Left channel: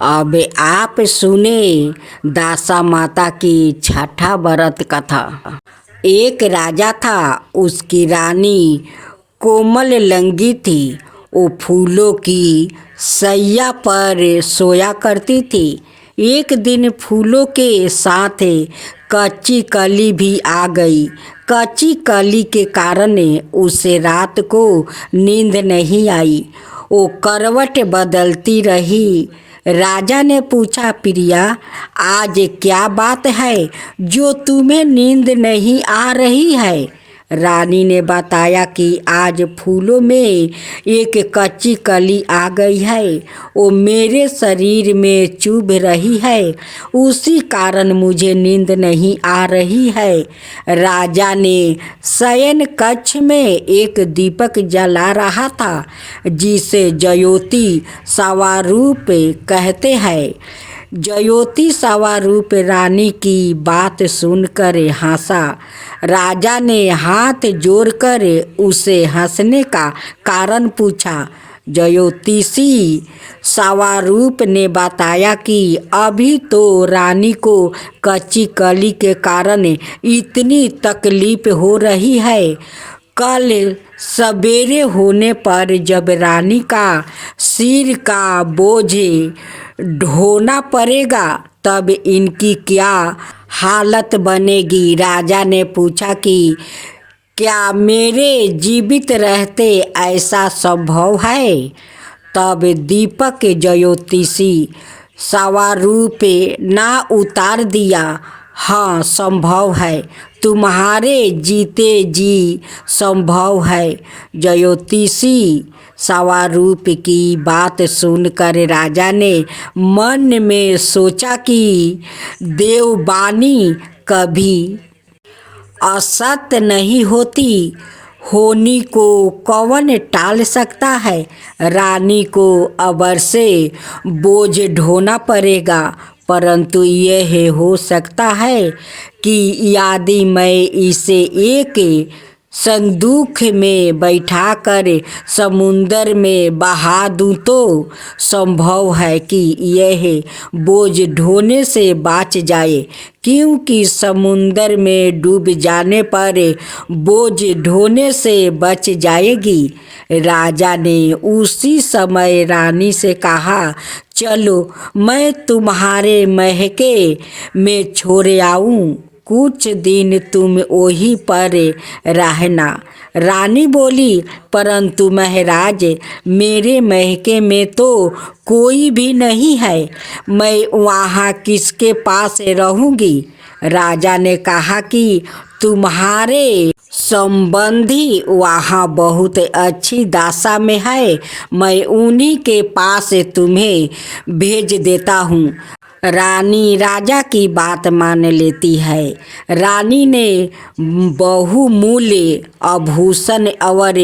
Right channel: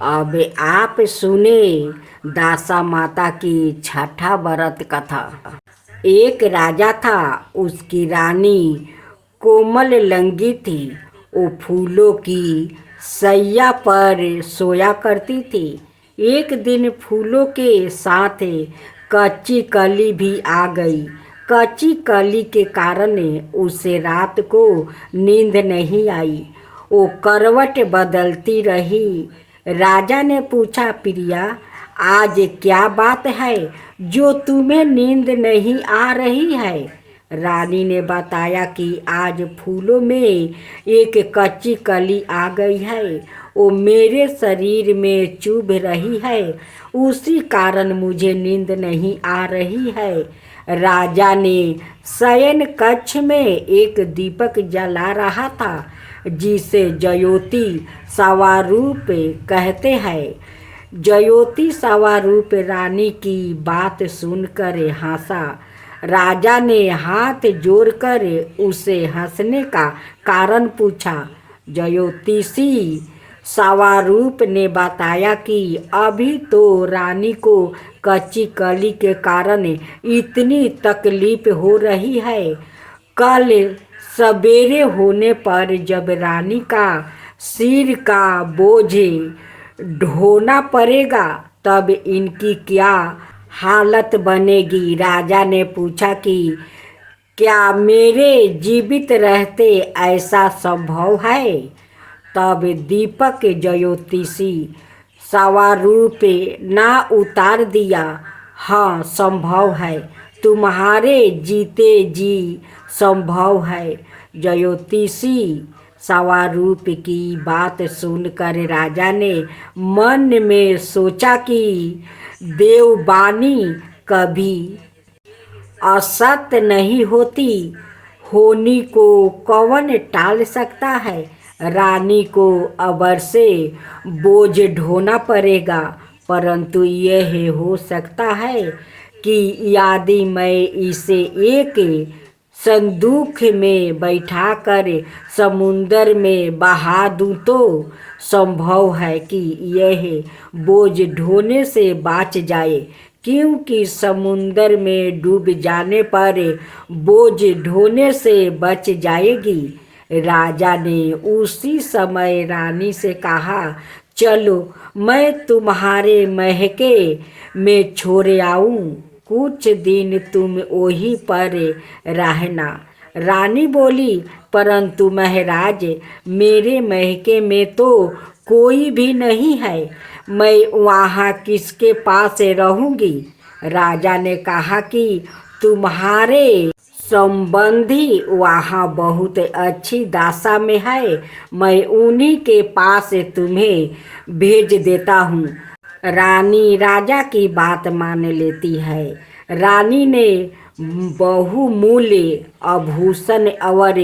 अब आप सुने दासा माता की छठा व्रत कथा। एक राजा था, उसकी रानी कोमल लंगी थी। वो फूलों की सैया पर सोया करती थी। एक दिन फूलों के साथ कच्ची कली भी आ गई। कच्ची कली के कारण उसे रात को नींद नहीं आई। वो करवट बदलती रही। राजा ने पूछा, प्रिया, आज क्या बात है जो तुम्हें नींद नहीं आ रही है? रानी ने बताया कि आज फूलों में एक कच्ची कली आ गई है। वो मेरे शरीर में चुभ रही है, उसी कारण मुझे नींद नहीं आ रही है। राजा ने शयन कक्ष में एक दीपक जला रहा था, जिसे ज्योति स्वरूप कहते हैं। ज्योति स्वरूप रानी की बात सुनकर हंसा। राजा ने हाथ जोड़कर उसे हंसने का कारण पूछा। ज्योतिषी स्वरूप ने बताया कि अभी तो रानी को कच्ची कली के कारण इतनी तकलीफ हो रही है। कल सवेरे होने पर जब रानी का सिर का बोझ ढोना पड़ेगा, तब इनकी क्या हालत बनेगी। राजा ने पूछा कि क्या मेरे जीवित रहते ऐसा संभव है? तब दीपक ज्योतिषी स्वरूप ना उतार दिया, हाँ संभव है, तुम्हारे जीते जी संभव है। ज्योतिषी स्वरूप की बात सुनकर राजा ने मन में सोचा कि देववाणी कभी असत्य नहीं होती। होनी को कौन टाल सकता है? रानी को अवश्य बोझ ढोना पड़ेगा, परंतु यह हो सकता है कि यदि मैं इसे एक संदूक में बैठाकर समुंदर में बहा दूं तो संभव है कि यह बोझ ढोने से बच जाए, क्योंकि समुंदर में डूब जाने पर बोझ ढोने से बच जाएगी। राजा ने उसी समय रानी से कहा, चलो मैं तुम्हारे महके में छोड़ आऊं, कुछ दिन तुम वहीं पर रहना। रानी बोली, परंतु महाराज, मेरे महके में तो कोई भी नहीं है, मैं वहाँ किसके पास रहूँगी? राजा ने कहा कि तुम्हारे संबंधी वहाँ बहुत अच्छी दशा में है, मैं उन्हीं के पास तुम्हें भेज देता हूँ। रानी राजा की बात मान लेती है। रानी ने बहुमूल्य आभूषण और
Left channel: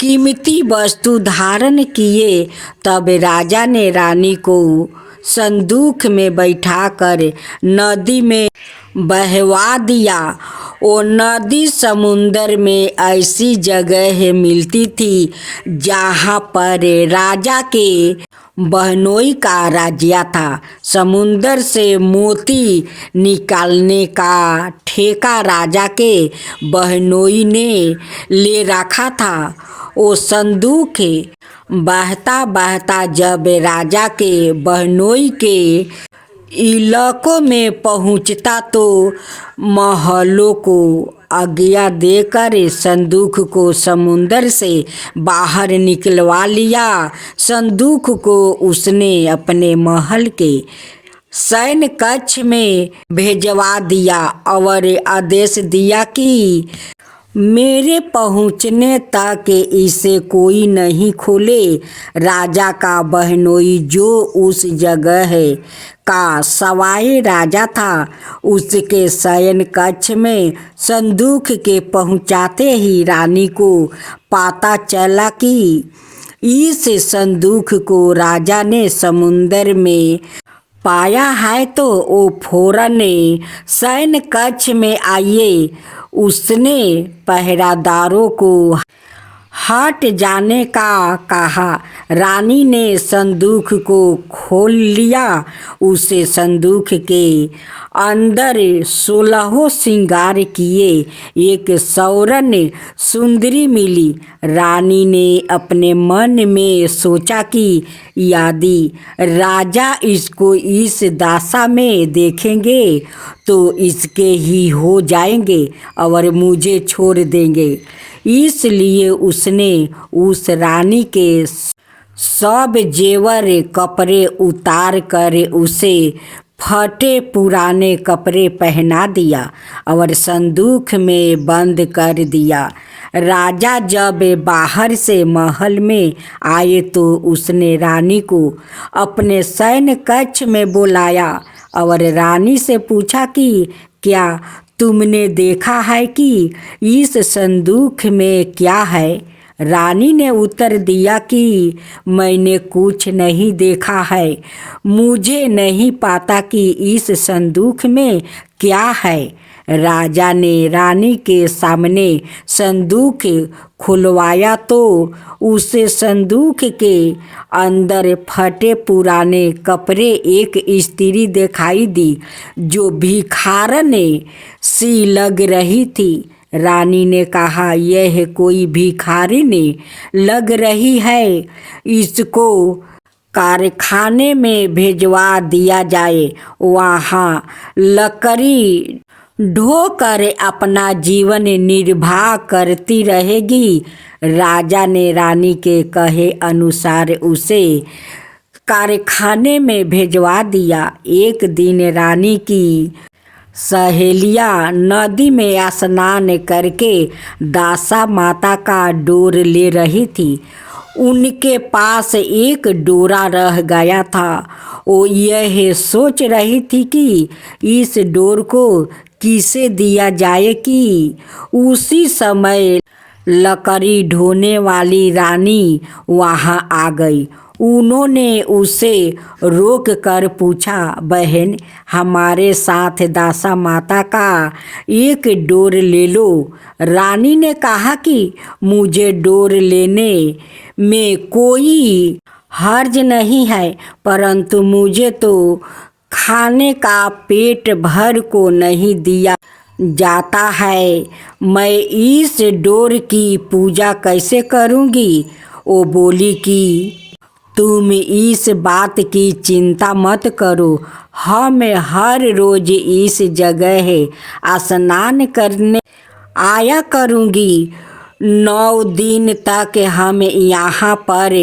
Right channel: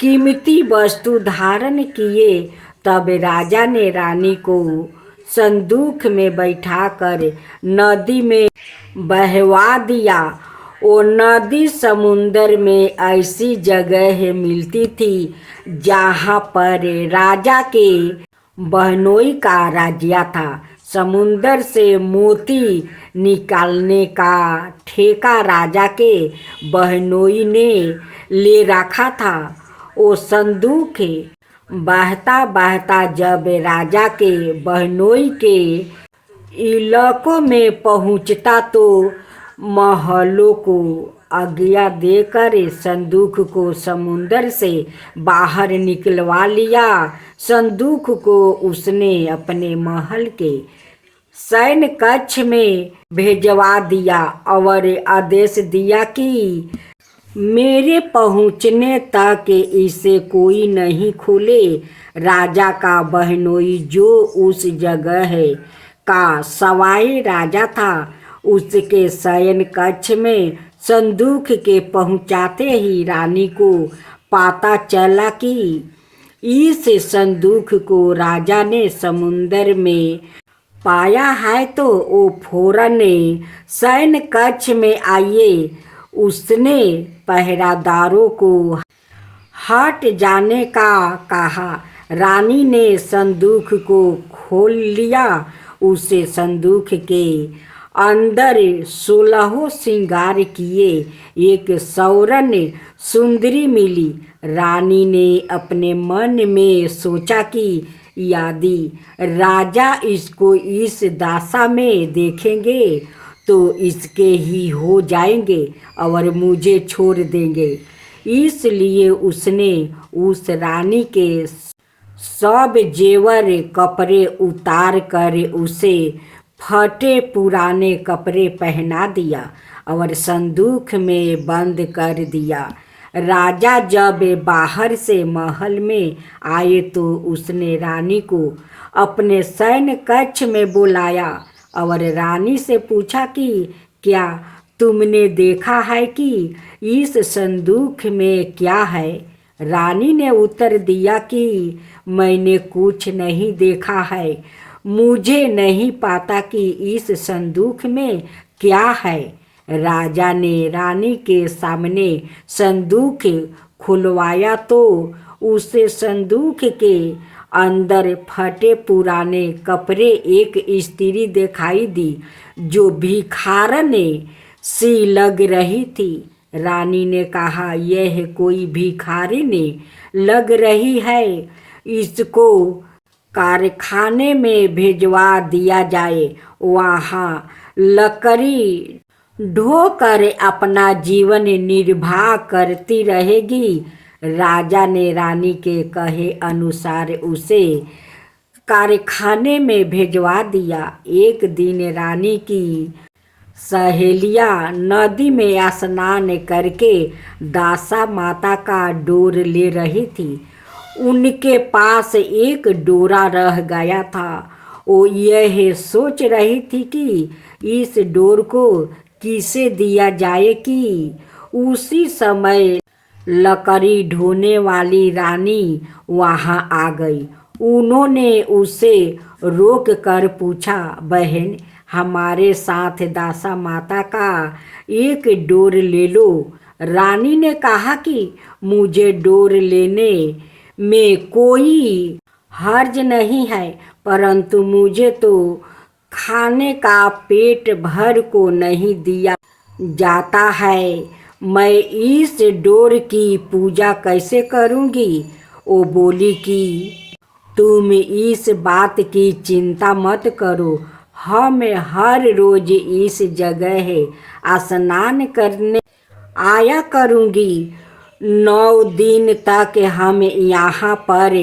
कीमती वस्तु धारण किए। तब राजा ने रानी को संदूक में बैठाकर नदी में बहवा दिया। वो नदी समुंदर में ऐसी जगह मिलती थी जहाँ पर राजा के बहनोई का राज्य था। समुंदर से मोती निकालने का ठेका राजा के बहनोई ने ले रखा था। वो संदूक बहता बहता जब राजा के बहनोई के इलाकों में पहुंचता तो महलों को आज्ञा देकर संदूक को समुंदर से बाहर निकलवा लिया। संदूक को उसने अपने महल के शयन कक्ष में भेजवा दिया और आदेश दिया कि मेरे पहुँचने तक इसे कोई नहीं खोले। राजा का बहनोई जो उस जगह का सवाई राजा था, उसके शयन कक्ष में संदूक के पहुँचाते ही रानी को पता चला कि इस संदूक को राजा ने समुंदर में पाया है, तो वो फौरन शयन कक्ष में आइए। उसने पहरादारों को हट जाने का कहा। रानी ने संदूक को खोल लिया। उसे संदूक के अंदर 16 श्रृंगार किए एक सौरन सुंदरी मिली। रानी ने अपने मन में सोचा कि यदि राजा इसको इस दशा में देखेंगे तो इसके ही हो जाएंगे और मुझे छोड़ देंगे। इसलिए उसने उस रानी के सब जेवर कपड़े उतार कर उसे फटे पुराने कपड़े पहना दिया और संदूक में बंद कर दिया। राजा जब बाहर से महल में आए तो उसने रानी को अपने सैन्य कक्ष में बुलाया और रानी से पूछा कि क्या तुमने देखा है कि इस संदूक में क्या है। रानी ने उत्तर दिया कि मैंने कुछ नहीं देखा है। मुझे नहीं पता कि इस संदूक में क्या है। राजा ने रानी के सामने संदूक खुलवाया तो उसे संदूक के अंदर फटे पुराने कपड़े एक स्त्री दिखाई दी जो भिखारन सी लग रही थी। रानी ने कहा, यह कोई भिखारिन लग रही है, इसको कारखाने में भेजवा दिया जाए, वहाँ लकड़ी ढोकर अपना जीवन निर्वाह करती रहेगी। राजा ने रानी के कहे अनुसार उसे कारखाने में भेजवा दिया। एक दिन रानी की सहेलियां नदी में स्नान करके दासा माता का डोर ले रही थी। उनके पास एक डोरा रह गया था। वो यह सोच रही थी कि इस डोर को किसे दिया जाए कि उसी समय लकड़ी ढोने वाली रानी वहां आ गई। उन्होंने उसे रोक कर पूछा, बहन, हमारे साथ दासा माता का एक डोर ले लो। रानी ने कहा कि मुझे डोर लेने में कोई हर्ज नहीं है, परंतु मुझे तो खाने का पेट भर को नहीं दिया जाता है। मैं इस डोर की पूजा कैसे करूँगी। वो बोली कि तुम इस बात की चिंता मत करो। हम हर रोज इस जगह स्नान करने आया करूँगी। 9 दिन तक हम यहाँ पर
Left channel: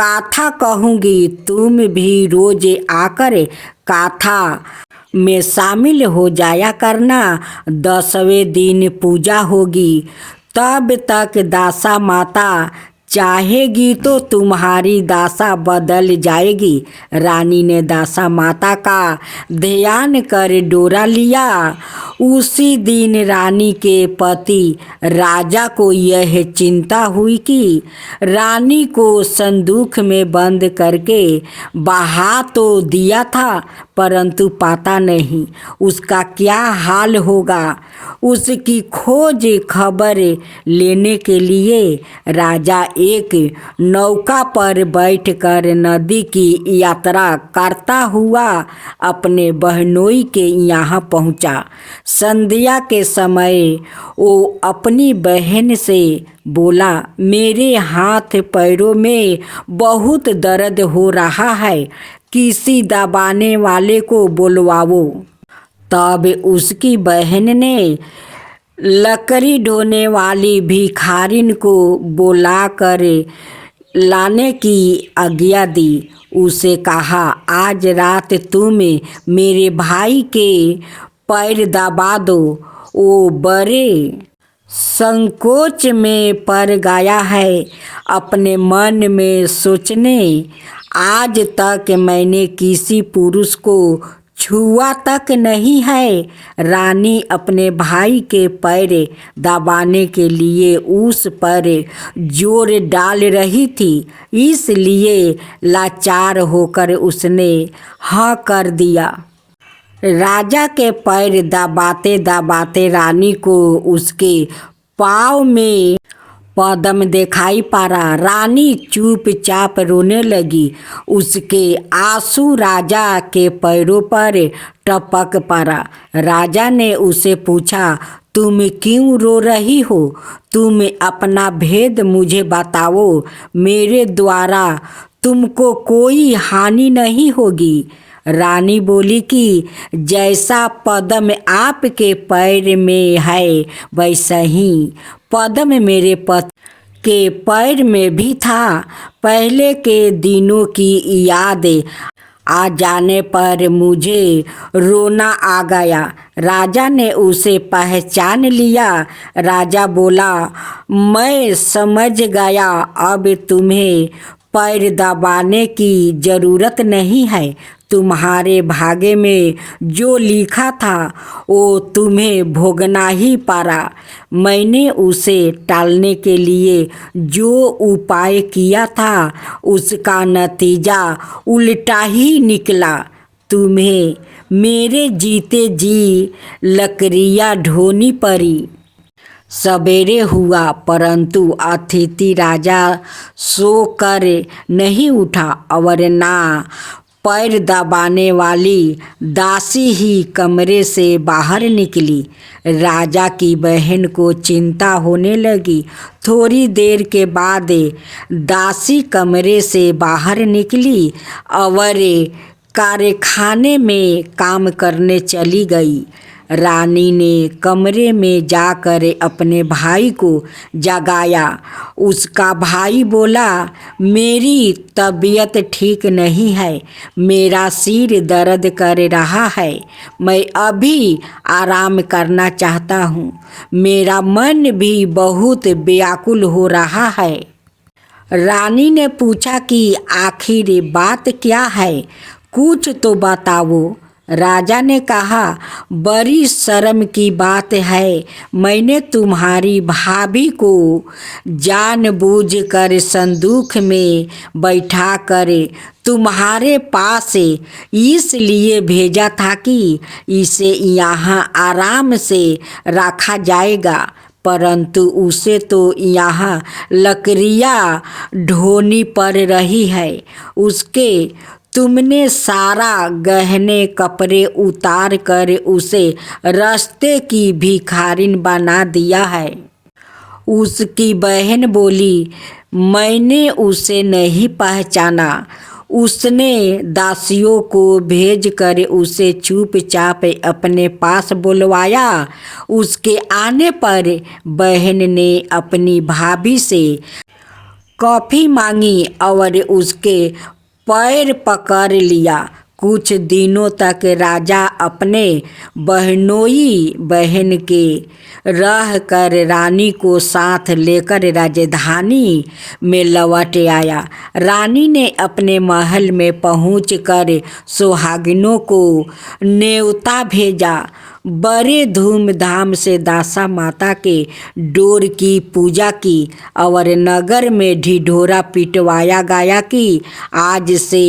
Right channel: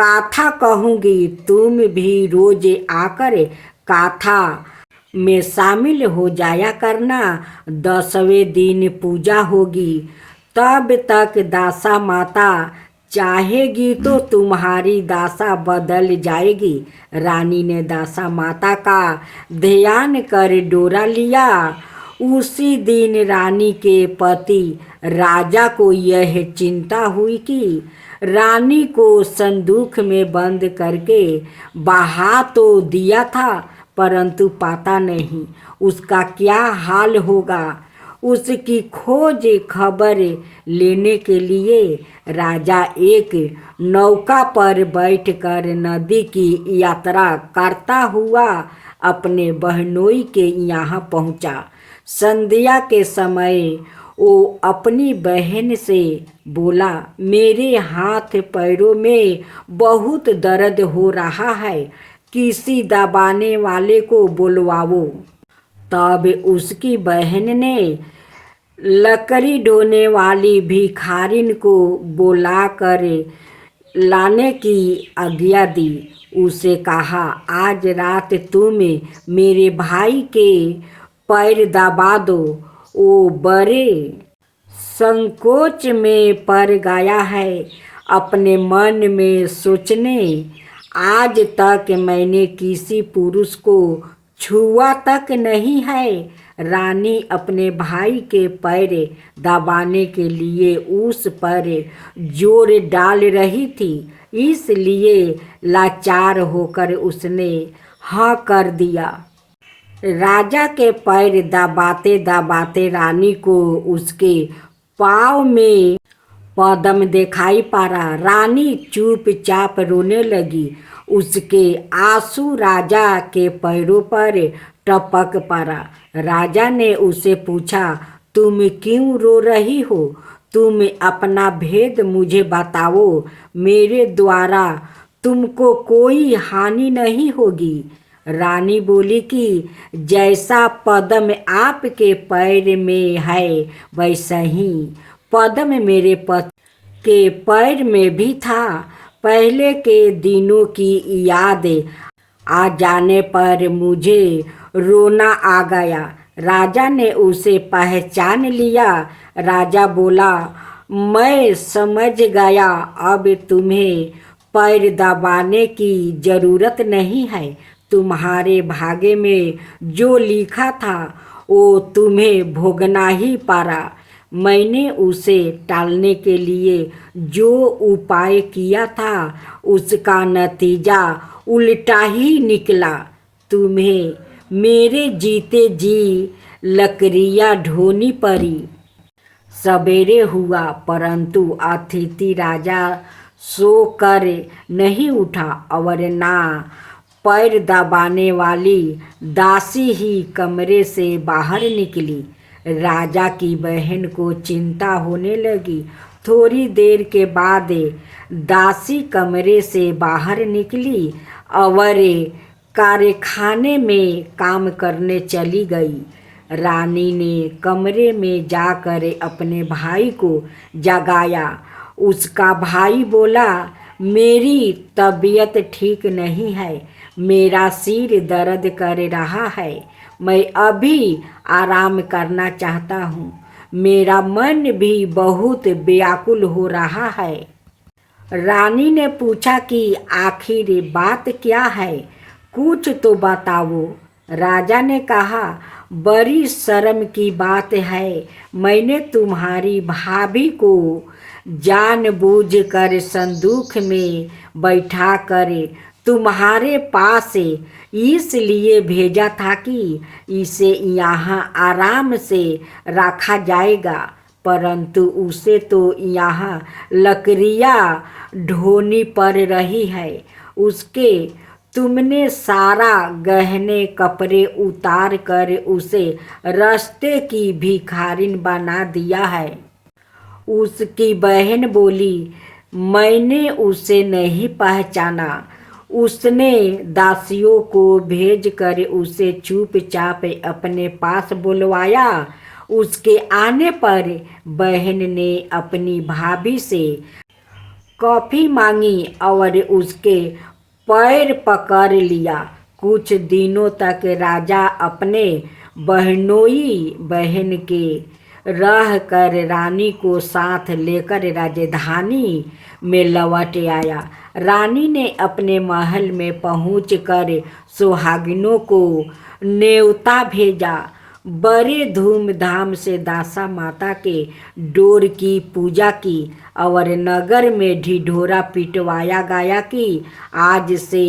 कथा कहूँगी। तुम भी रोज आकर कथा में शामिल हो जाया करना। 10वें दिन पूजा होगी। तब तक दासा माता चाहेगी तो तुम्हारी दासा बदल जाएगी। रानी ने दासा माता का ध्यान कर डोरा लिया। उसी दिन रानी के पति राजा को यह चिंता हुई कि रानी को संदूक में बंद करके बहा तो दिया था, परंतु पता नहीं उसका क्या हाल होगा। उसकी खोज खबर लेने के लिए राजा एक नौका पर बैठकर नदी की यात्रा करता हुआ अपने बहनोई के यहाँ पहुँचा। संध्या के समय वो अपनी बहन से बोला, मेरे हाथ पैरों में बहुत दर्द हो रहा है, किसी दबाने वाले को बुलवाओ। तब उसकी बहन ने लकड़ी ढोने वाली भिखारिन को बुलाकर लाने की आज्ञा दी। उसे कहा, आज रात तुम मेरे भाई के पैर दबा दो। वो बड़े संकोच में पड़ गया है। अपने मन में सोचने, आज तक मैंने किसी पुरुष को छुआ तक नहीं है। रानी अपने भाई के पैर दबाने के लिए उस पर जोर डाल रही थी, इसलिए लाचार होकर उसने हाँ कर दिया। राजा के पैर दबाते दबाते रानी को उसके पाँव में पदम दिखाई पड़ा। रानी चुपचाप रोने लगी। उसके आंसू राजा के पैरों पर टपक पड़ा। राजा ने उसे पूछा, तुम क्यों रो रही हो? तुम अपना भेद मुझे बताओ। मेरे द्वारा तुमको कोई हानि नहीं होगी। रानी बोली कि जैसा पद्म आपके पैर में है वैसा ही पद्म मेरे पति के पैर में भी था। पहले के दिनों की याद आ जाने पर मुझे रोना आ गया। राजा ने उसे पहचान लिया। राजा बोला, मैं समझ गया, अब तुम्हें पैर दबाने की जरूरत नहीं है। तुम्हारे भाग्य में जो लिखा था वो तुम्हें भोगना ही पड़ा। मैंने उसे टालने के लिए जो उपाय किया था उसका नतीजा उल्टा ही निकला। तुम्हें मेरे जीते जी लकड़ियाँ ढोनी पड़ी। सवेरे हुआ परंतु अतिथि राजा सो कर नहीं उठा और ना पैर दबाने वाली दासी ही कमरे से बाहर निकली। राजा की बहन को चिंता होने लगी। थोड़ी देर के बाद दासी कमरे से बाहर निकली और कारखाने में काम करने चली गई। रानी ने कमरे में जाकर अपने भाई को जगाया। उसका भाई बोला, मेरी तबीयत ठीक नहीं है, मेरा सिर दर्द कर रहा है, मैं अभी आराम करना चाहता हूँ, मेरा मन भी बहुत व्याकुल हो रहा है। रानी ने पूछा कि आखिर बात क्या है, कुछ तो बताओ। राजा ने कहा, बड़ी शर्म की बात है, मैंने तुम्हारी भाभी को जानबूझकर संदूक में बैठा कर तुम्हारे पास इसलिए भेजा था कि इसे यहाँ आराम से रखा जाएगा, परंतु उसे तो यहाँ लकड़ियाँ ढोनी पड़ रही है। उसके तुमने सारा गहने कपड़े उतार कर उसे रास्ते की भिखारिन बना दिया है। उसकी बहन बोली, मैंने उसे नहीं पहचाना। उसने दासियों को भेजकर उसे चुपचाप अपने पास बुलवाया। उसके आने पर बहन ने अपनी भाभी से कॉफ़ी मांगी और उसके पैर पकड़ लिया। कुछ दिनों तक राजा अपने बहनोई बहन के रह कर रानी को साथ लेकर राजधानी में लौट आया। रानी ने अपने महल में पहुंचकर सुहागिनों को न्योता भेजा। बड़े धूमधाम से दासा माता के डोर की पूजा की और नगर में ढिढोरा पिटवाया गया कि आज से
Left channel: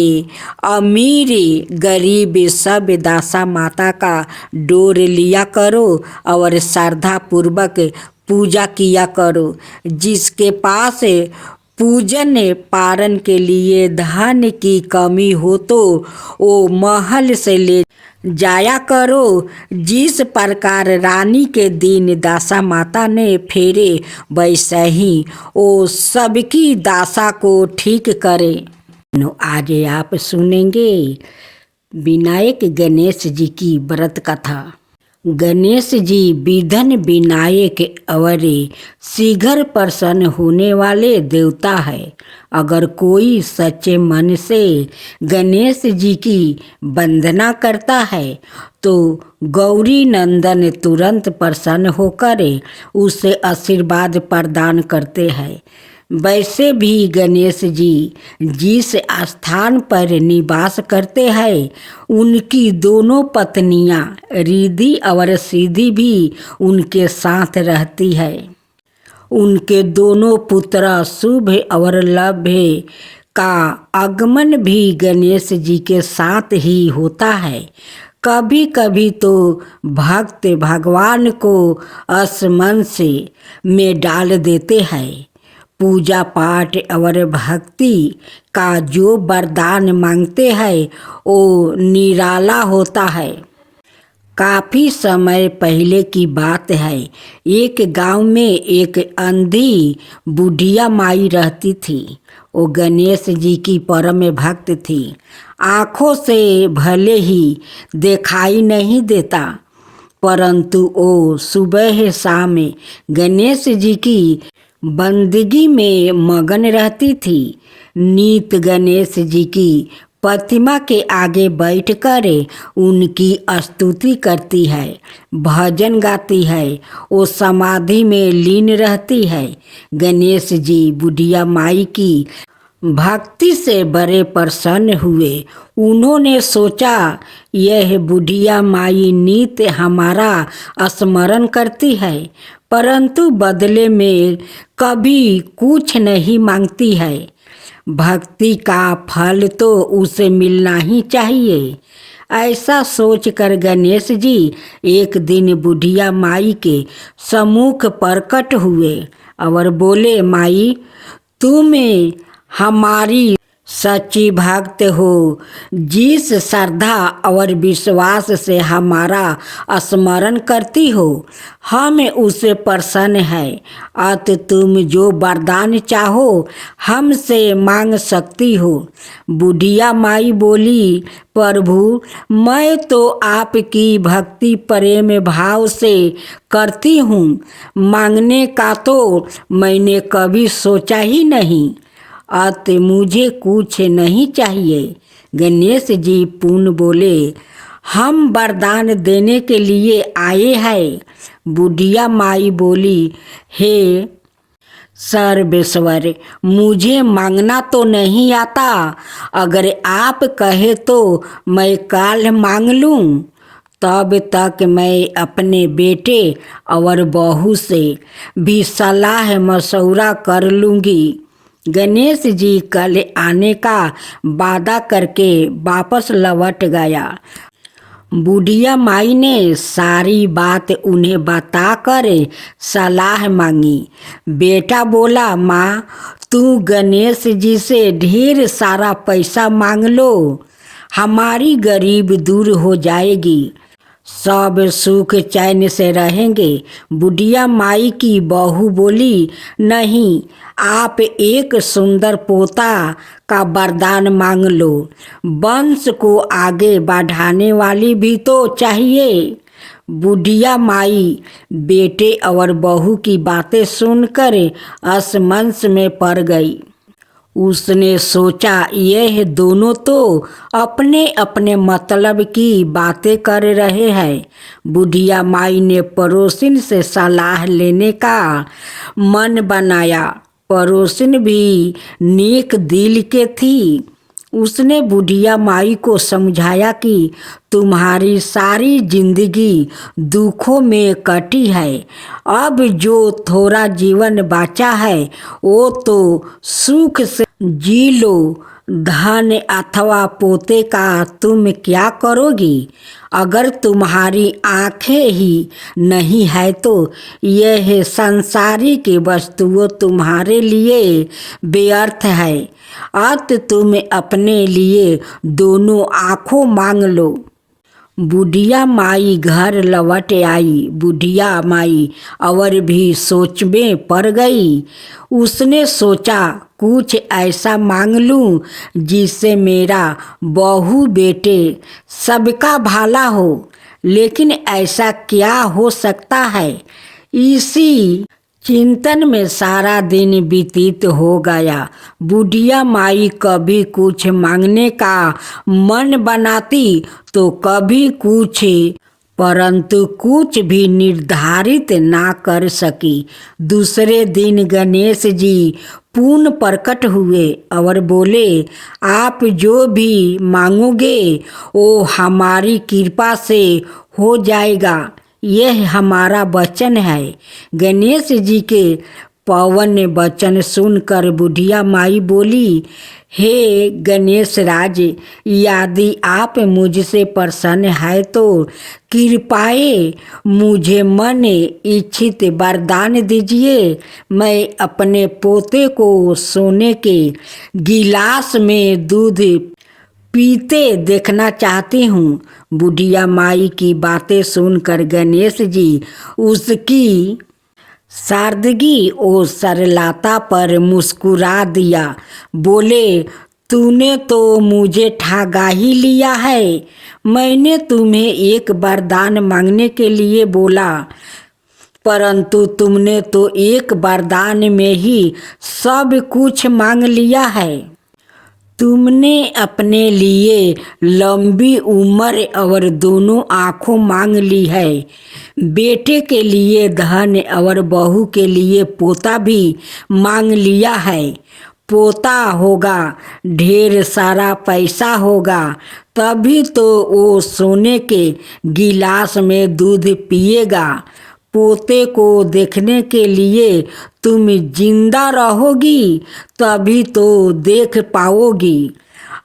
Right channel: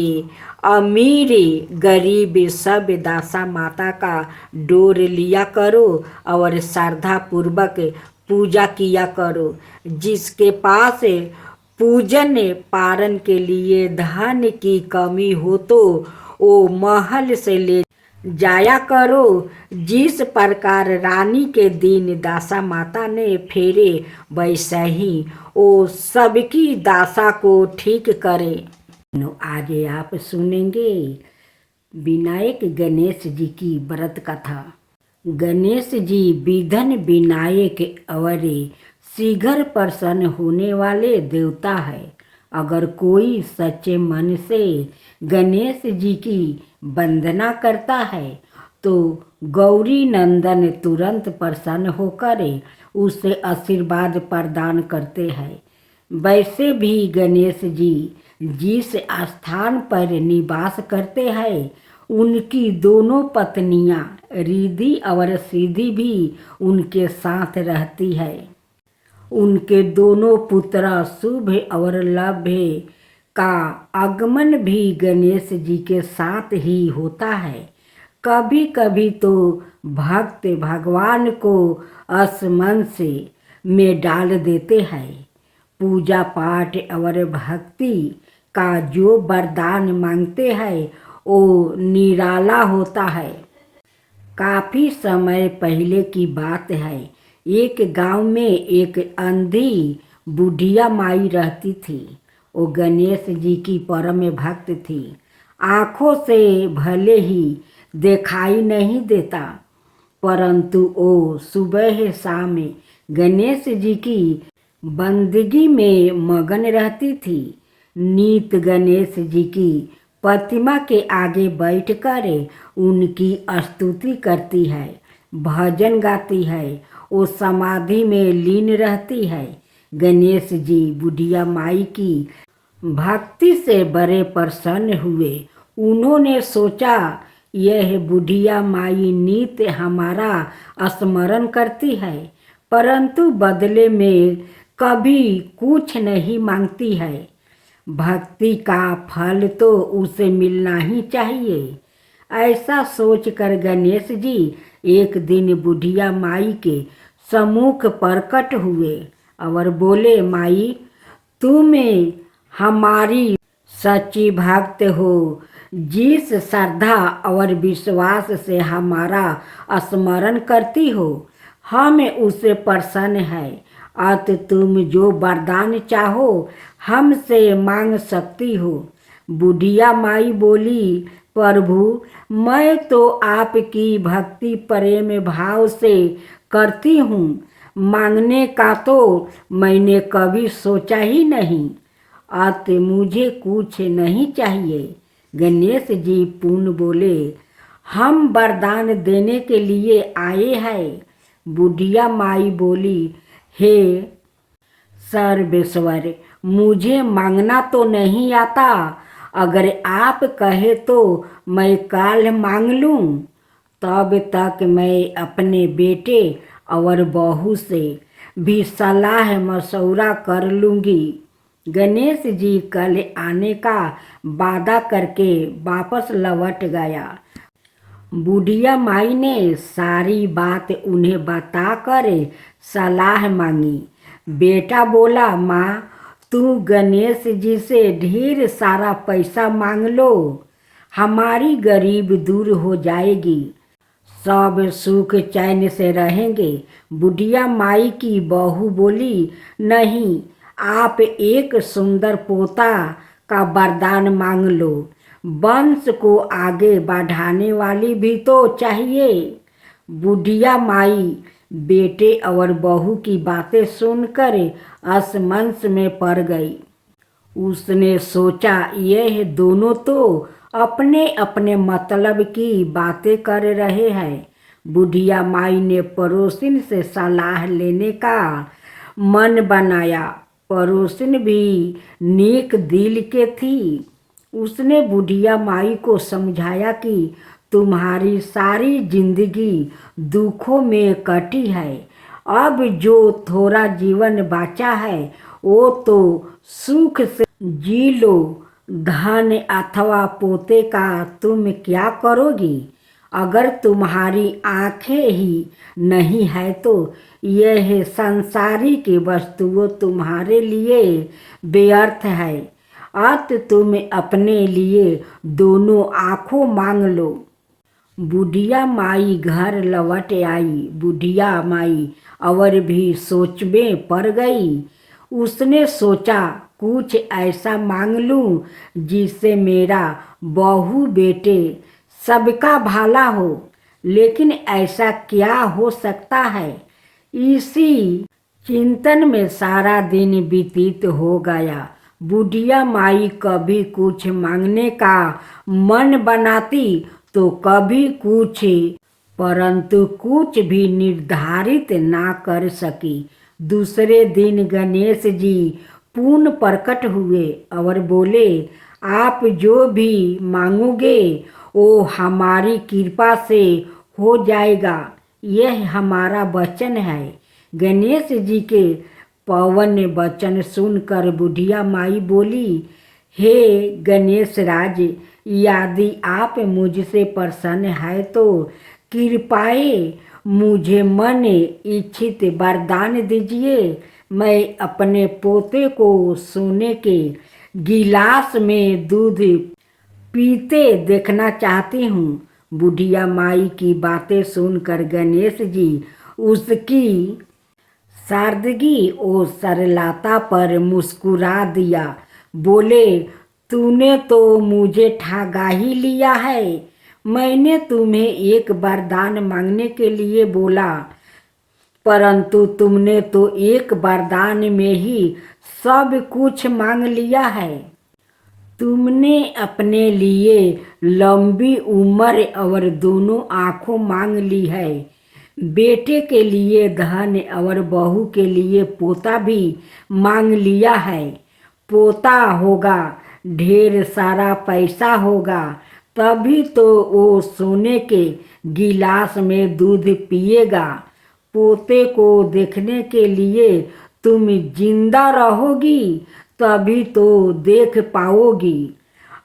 अमीर गरीब सब दासा माता का डोर लिया करो और श्रद्धा पूर्वक पूजा किया करो। जिसके पास पूजन पारण के लिए धन की कमी हो तो वो महल से ले जाया करो। जिस प्रकार रानी के दिन दासा माता ने फेरे वैसे ही वो सबकी दासा को ठीक करे। आज आप सुनेंगे विनायक गणेश जी की व्रत कथा। गणेश जी विघ्न विनायक और शीघ्र प्रसन्न होने वाले देवता है। अगर कोई सच्चे मन से गणेश जी की वंदना करता है तो गौरी नंदन तुरंत प्रसन्न होकर उसे आशीर्वाद प्रदान करते हैं। वैसे भी गणेश जी जिस स्थान पर निवास करते हैं उनकी दोनों पत्नियां रिद्धि और सिद्धि भी उनके साथ रहती है। उनके दोनों पुत्र शुभ और लभ्य का आगमन भी गणेश जी के साथ ही होता है। कभी कभी तो भक्त भगवान को असमंस में डाल देते हैं। पूजा पाठ और भक्ति का जो वरदान मांगते हैं वो निराला होता है। काफ़ी समय पहले की बात है। एक गांव में एक अंधी बुढ़िया माई रहती थी। वो गणेश जी की परम भक्त थी। आँखों से भले ही दिखाई नहीं देता, परंतु वो सुबह शाम गणेश जी की बंदगी में मगन रहती थी। नित गणेश जी की प्रतिमा के आगे बैठकर उनकी स्तुति करती है, भजन गाती है, वो समाधि में लीन रहती है। गणेश जी बुढ़िया माई की भक्ति से बड़े प्रसन्न हुए। उन्होंने सोचा यह बुढ़िया माई नित हमारा स्मरण करती है, परंतु बदले में कभी कुछ नहीं मांगती है। भक्ति का फल तो उसे मिलना ही चाहिए। ऐसा सोचकर गणेश जी एक दिन बुढ़िया माई के सम्मुख प्रकट हुए और बोले, माई तुम हमारी सच्ची भक्त हो। जिस श्रद्धा और विश्वास से हमारा स्मरण करती हो, हम उसे प्रसन्न है। अत तुम जो वरदान चाहो हमसे मांग सकती हो। बुढ़िया माई बोली, प्रभु मैं तो आपकी भक्ति प्रेम भाव से करती हूँ, मांगने का तो मैंने कभी सोचा ही नहीं। अत मुझे कुछ नहीं चाहिए। गणेश जी पुनः बोले, हम वरदान देने के लिए आए हैं। बुढ़िया माई बोली, हे सर्वेश्वर मुझे मांगना तो नहीं आता, अगर आप कहे तो मैं काल मांग लूँ। तब तक मैं अपने बेटे और बहू से भी सलाह मशवरा कर लूँगी। गणेश जी कल आने का वादा करके वापस लौट गया। बुढ़िया माई ने सारी बात उन्हें बताकर सलाह मांगी। बेटा बोला, माँ तू गणेश जी से ढेर सारा पैसा मांग लो, हमारी गरीब दूर हो जाएगी, सब सुख चैन से रहेंगे। बुढ़िया माई की बहू बोली, नहीं, आप एक सुंदर पोता का वरदान मांग लो। वंश को आगे बढ़ाने वाली भी तो चाहिए। बुढ़िया माई बेटे और बहू की बातें सुनकर असमंस में पड़ गई। उसने सोचा यह दोनों तो अपने अपने मतलब की बातें कर रहे हैं। बुढ़िया माई ने पड़ोसिन से सलाह लेने का मन बनाया। पड़ोसिन भी नेक दिल के थी। उसने बुढ़िया माई को समझाया कि तुम्हारी सारी जिंदगी दुखों में कटी है, अब जो थोड़ा जीवन बचा है वो तो सुख से जी लो। धन अथवा पोते का तुम क्या करोगी? अगर तुम्हारी आंखें ही नहीं है तो यह संसारिक वस्तुओं तुम्हारे लिए व्यर्थ है। अत तुम अपने लिए दोनों आँखों मांग लो। बुढ़िया माई घर लौट आई। बुढ़िया माई और भी सोच में पड़ गई। उसने सोचा कुछ ऐसा मांग लूं जिससे मेरा बहू बेटे सबका भला हो। लेकिन ऐसा क्या हो सकता है? इसी चिंतन में सारा दिन व्यतीत हो गया। बुढ़िया माई कभी कुछ मांगने का मन बनाती तो कभी कुछ, परंतु कुछ भी निर्धारित ना कर सकी। दूसरे दिन गणेश जी पुनः प्रकट हुए और बोले, आप जो भी मांगोगे वो हमारी कृपा से हो जाएगा, यह हमारा वचन है। गणेश जी के पवन वचन सुनकर बुढ़िया माई बोली, हे गणेश राज, यदि आप मुझसे प्रसन्न है तो कृपाए मुझे मन इच्छित वरदान दीजिए। मैं अपने पोते को सोने के गिलास में दूध पीते देखना चाहती हूँ। बुढ़िया माई की बातें सुनकर गणेश जी उसकी सादगी और सरलता पर मुस्कुरा दिया। बोले, तूने तो मुझे ठगा ही लिया है। मैंने तुम्हें एक वरदान मांगने के लिए बोला, परंतु तुमने तो एक वरदान में ही सब कुछ मांग लिया है। तुमने अपने लिए लंबी उम्र और दोनों आँखों मांग ली है। बेटे के लिए धन और बहू के लिए पोता भी मांग लिया है। पोता होगा, ढेर सारा पैसा होगा, तभी तो वो सोने के गिलास में दूध पिएगा। पोते को देखने के लिए तुम जिंदा रहोगी, तभी तो देख पाओगी।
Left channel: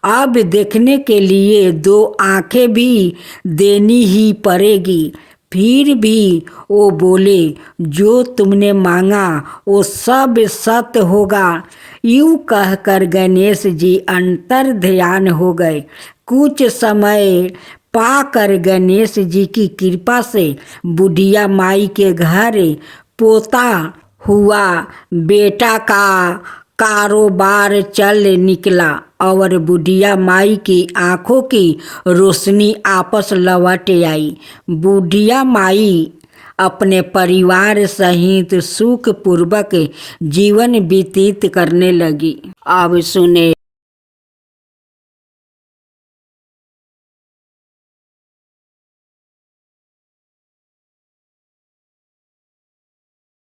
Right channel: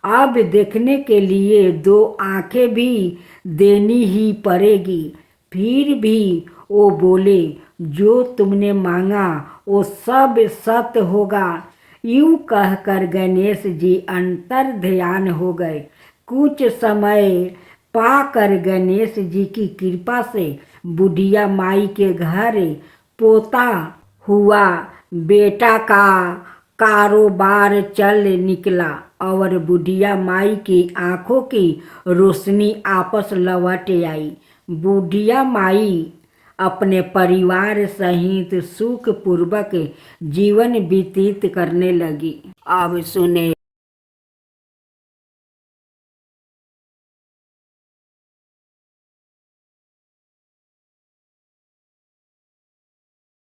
अब देखने के लिए दो आंखें भी देनी ही पड़ेगी। फिर भी वो बोले, जो तुमने मांगा वो सब सत्य होगा। यूं कहकर गणेश जी अंतर ध्यान हो गए। कुछ समय पाकर गणेश जी की कृपा से बुढ़िया माई के घर पोता हुआ। बेटा का कारोबार चल निकला और बुढ़िया माई की आंखों की रोशनी आपस लौट आई। बुढ़िया माई अपने परिवार सहित सुखपूर्वक जीवन व्यतीत करने लगी। अब सुने